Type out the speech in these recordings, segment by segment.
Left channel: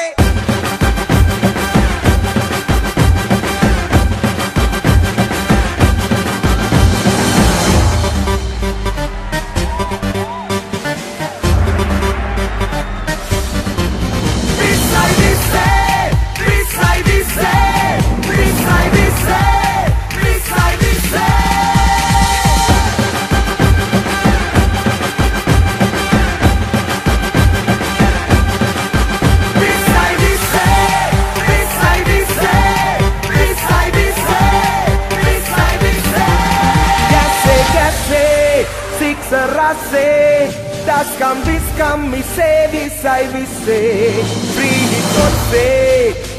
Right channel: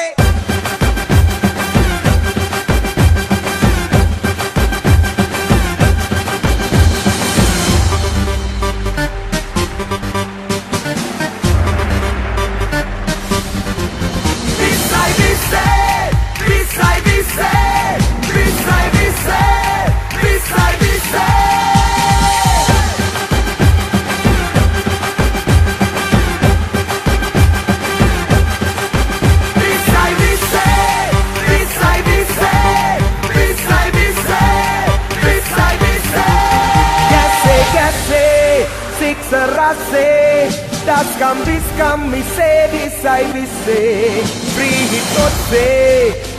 Hore! Serase, das kam mise visai vise, free hitose,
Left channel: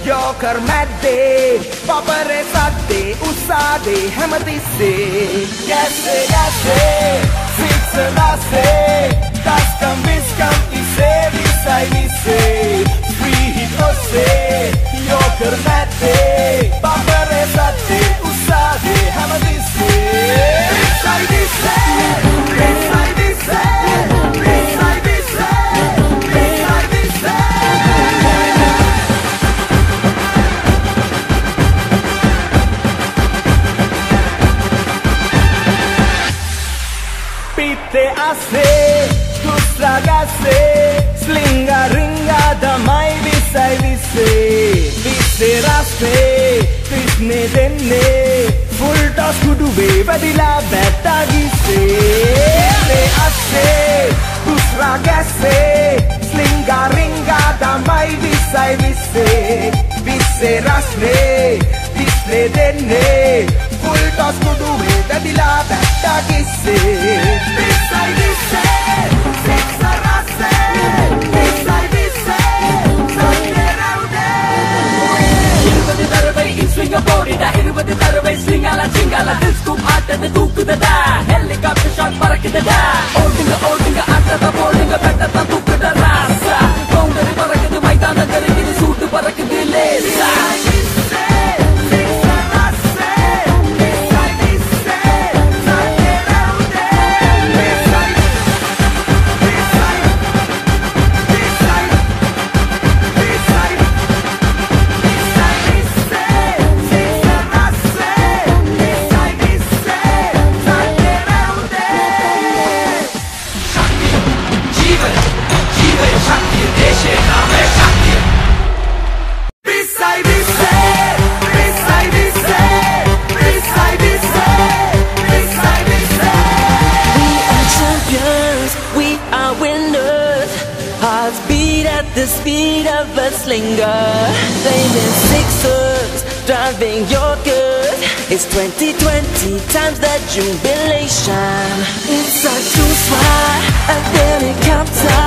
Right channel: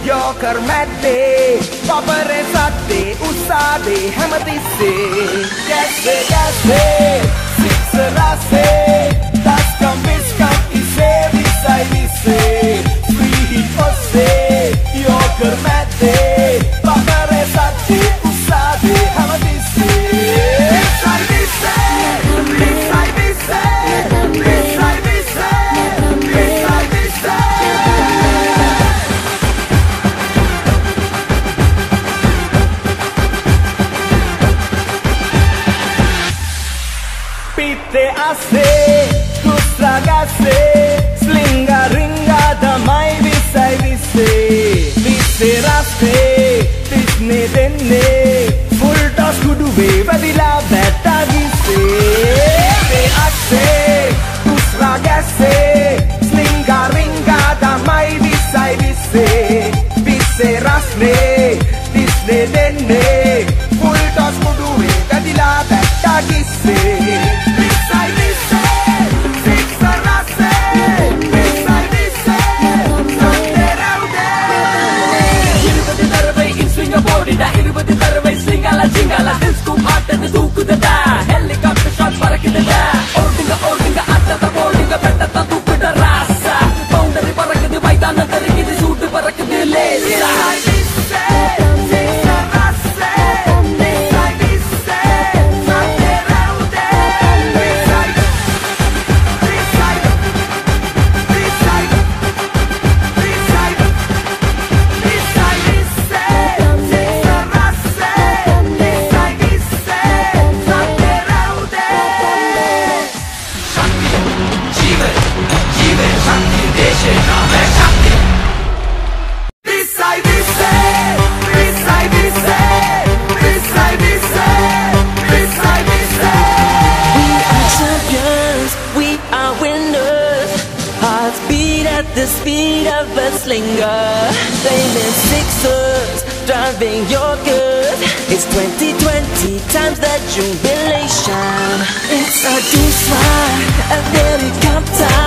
yoker madde, papare satte, usade, hamatise. Yase, serase, das kam ise visai vise, free hitose, yoker madde, papare satte, usade, hamatise. Visai vise. Pite ase, dusra gase, slinga ringa damai visai vise, vise raste, tisne denne, full toss kuduve vadila betta gise. Pite ase, dusra gase, slinga ringa damai visai vise, vise raste, tisne denne, full toss kuduve vadila betta gise. Singala chingala disco aata de dukda da helicopter shot parakida da oldinga aata da bowlinga betta da dukda rasa boundary parakida maidana darikida shoot parakida lesa the speed of a slinger, flaming sixers, driving Yorkers. It's 2020 times the jubilation. It's a two-swat, a helicopter.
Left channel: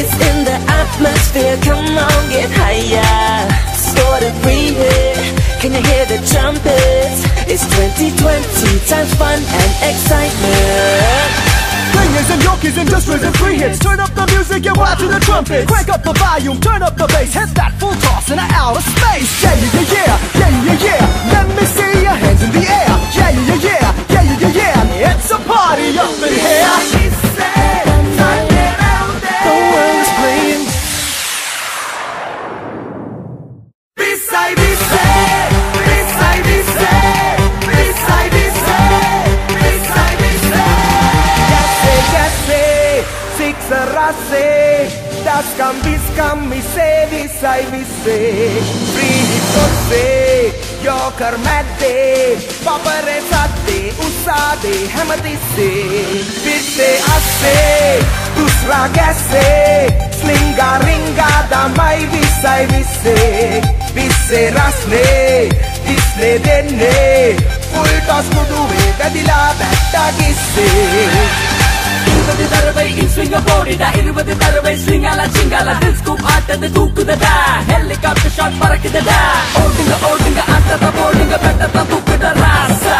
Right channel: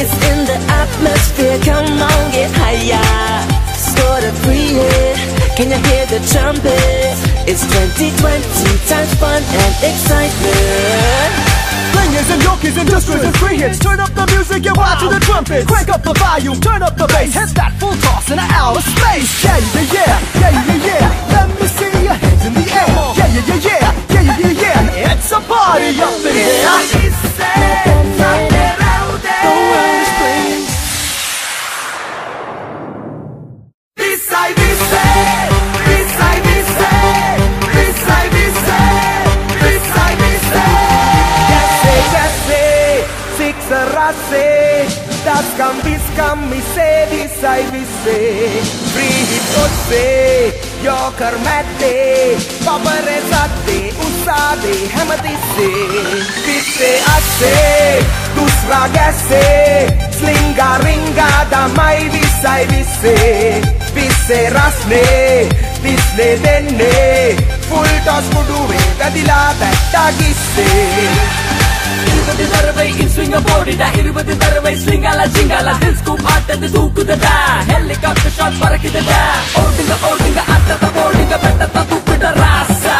It's in the atmosphere, come on, get higher. Score the freeway, can you hear the trumpets? It's 2020 times fun and excitement. Slingers and Yorkies, industrials and free hits. Turn up the music and watch the trumpets. Crank up the volume, turn up the bass. Hit that full toss in outer space. Yeah, yeah, yeah, yeah, yeah, yeah. Let me see your hands in the air. Yeah, yeah, yeah, yeah, yeah, yeah, yeah. It's a party up in here. The world's playing. Beside me, serase, das kam mise visai vise, free hitose, yoker madde, papare satte, usade, hamatise. Pite ase, dusra gase, slinga ringa damai visai vise, vise rasne, visne denne, full toss kuduve gadila betta gise. Swing a body da irvadi darvai singala chingala disco aata de dukda da helicopter shot parakida da oldinga aata da bowlinga betta da dukda rasa